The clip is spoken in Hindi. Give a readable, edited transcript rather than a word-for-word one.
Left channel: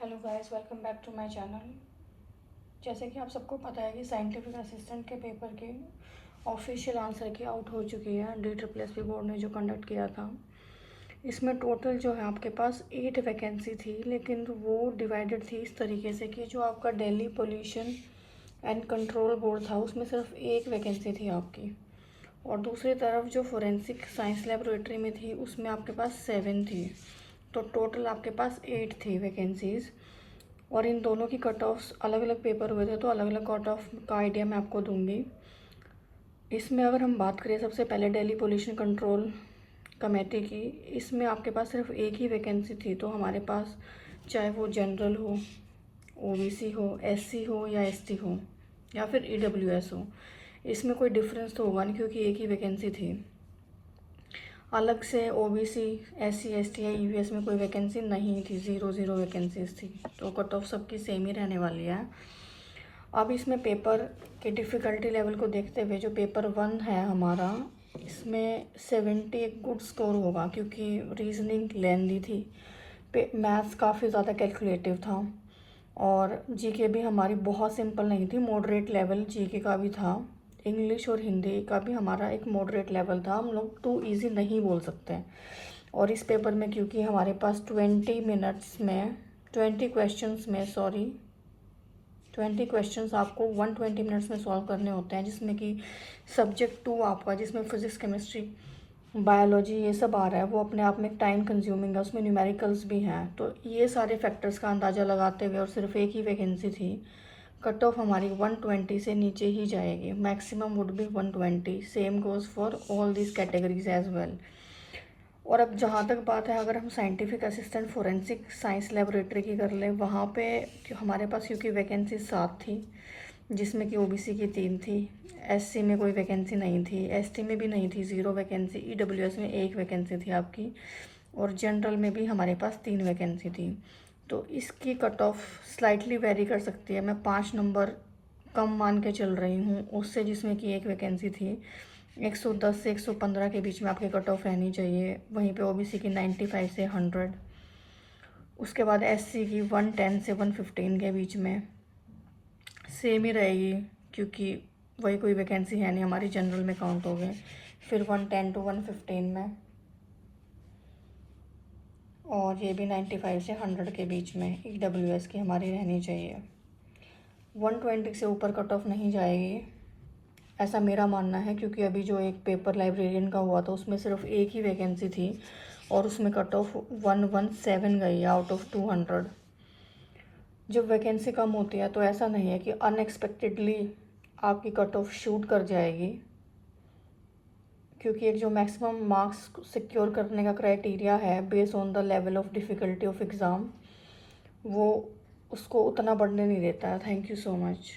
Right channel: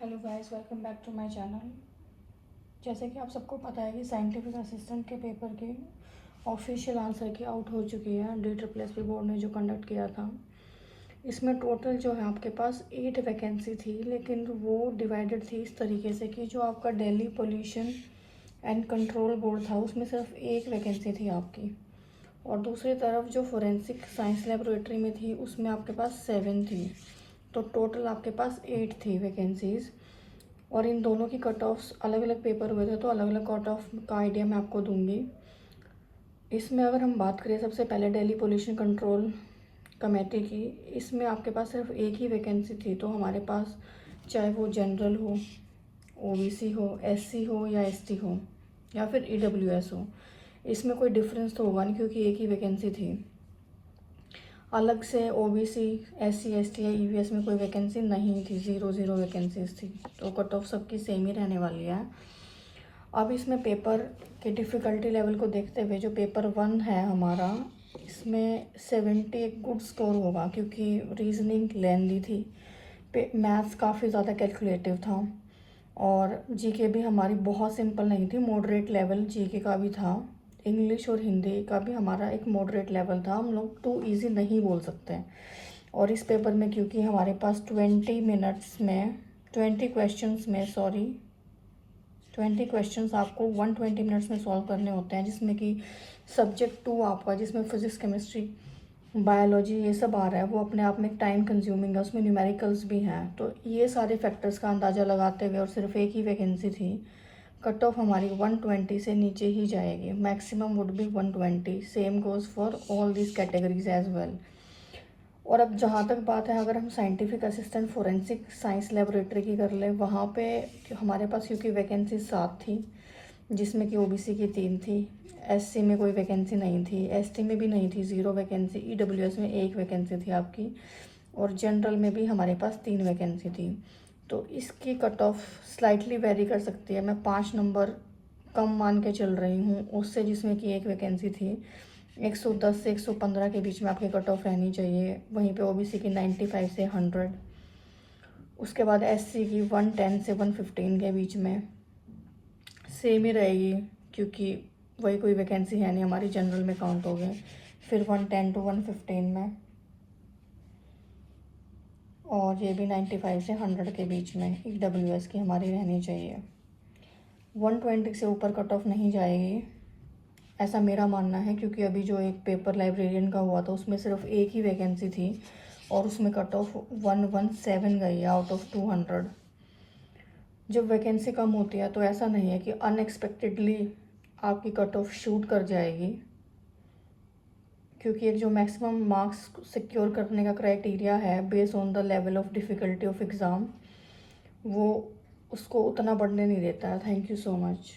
Hello guys, welcome back to my channel. जैसे कि आप सबको पता है कि साइंटिफिक असिस्टेंट के पेपर के ऑफिशियल आंसर की आउट हो चुकी है DSSP बोर्ड ने जो कंडक्ट किया था। इसमें टोटल जो है आपके पास 8 वैकेंसी थी, लेकिन वो डिवाइडेड थी इस तरीके से कि जो आपका Delhi pollution and control board था उसमें सिर्फ 1 वैकेंसी थी आपकी, और दूसरी तरफ जो फोरेंसिक साइंस लेबोरेटरी में थी उसमें आपके पास 7 थी। तो टोटल आपके पास 8 थी वैकेंसीज़, और इन दोनों की कट ऑफ्स अलग अलग पेपर हुए थे, तो अलग अलग कट ऑफ का आइडिया मैं आपको दूंगी। इसमें अगर हम बात करें सबसे पहले दिल्ली पोल्यूशन कंट्रोल कमेटी की, इसमें आपके पास सिर्फ एक ही वैकेंसी थी। तो हमारे पास चाहे वो जनरल हो, OBC हो, SC हो या ST हो या फिर EWS हो, इसमें कोई डिफरेंस तो होगा नहीं क्योंकि एक ही वैकेंसी थी। अलग से OBC, SC, ST या EVS में कोई वैकेंसी नहीं थी, 0 वैकेंसीज थी। तो कट ऑफ सबकी सेम ही रहने वाली है। अब इसमें पेपर के डिफ़िकल्टी लेवल को देखते हुए जो पेपर 1 है हमारा, इसमें 70 एक गुड स्कोर होगा क्योंकि रीजनिंग लेंदी थी, मैथ्स काफ़ी ज़्यादा कैलकुलेटिव था, और जीके भी हमारी बहुत सिंपल नहीं थी, मॉडरेट लेवल जीके का भी था। इंग्लिश और हिंदी का भी हमारा एक मॉडरेट लेवल था, हम लोग टू इजी नहीं बोल सकते। और इस पेपर में क्योंकि हमारे पास 20 क्वेश्चंस आपको 120 मिनट्स में सॉल्व करने होते हैं, जिसमें कि सब्जेक्ट 2 आपका, जिसमें फिजिक्स, केमिस्ट्री, बायोलॉजी ये सब आ रहा है, वो अपने आप में टाइम कंज्यूमिंग है, उसमें न्यूमेरिकल्स भी हैं। तो ये सारे फैक्टर्स का अंदाज़ा लगाते हुए, और सिर्फ एक ही वैकेंसी थी, कट ऑफ हमारी 120 से नीचे ही जाएगी, maximum would be 120। Same goes for all this categories as well. और अब जहाँ तक बात है, अगर हम scientific assistant forensic science laboratory की कर लें, वहाँ पे हमारे पास क्योंकि वैकेंसी 7 थी, जिसमें कि OBC की 3 थी, SC में कोई वैकेंसी नहीं थी, ST में भी नहीं थी, 0 वैकेंसी, EWS में 1 वैकेंसी थी आपकी, और जनरल में भी हमारे पास 3 वैकेंसी थी। तो इसकी कट ऑफ स्लाइटली वेरी कर सकती है, मैं 5 नंबर कम मान के चल रही हूँ उससे, जिसमें कि 1 वैकेंसी थी। 110 से 115 के बीच में आपकी कट ऑफ रहनी चाहिए। वहीं पे OBC की 95 से 100, उसके बाद SC की 110 से 115 के बीच में सेम ही रहेगी, क्योंकि वही कोई वैकेंसी है नहीं, हमारी जनरल में काउंट हो गए। फिर 110 to 115 में, और ये भी 95 से 100 के बीच में EWS की हमारी रहनी चाहिए। 120 से ऊपर कट ऑफ नहीं जाएगी, ऐसा मेरा मानना है, क्योंकि अभी जो एक पेपर लाइब्रेरियन का हुआ था उसमें सिर्फ एक ही वैकेंसी थी, और उसमें कट ऑफ 117 गई आउट ऑफ 200। जब वैकेंसी कम होती है तो ऐसा नहीं है कि अनएक्सपेक्टेडली आपकी कट ऑफ शूट कर जाएगी, क्योंकि एक जो मैक्सिमम मार्क्स सिक्योर करने का क्राइटेरिया है based on the level of difficulty of exam, वो उसको उतना बढ़ने नहीं देता है। Thank you so much.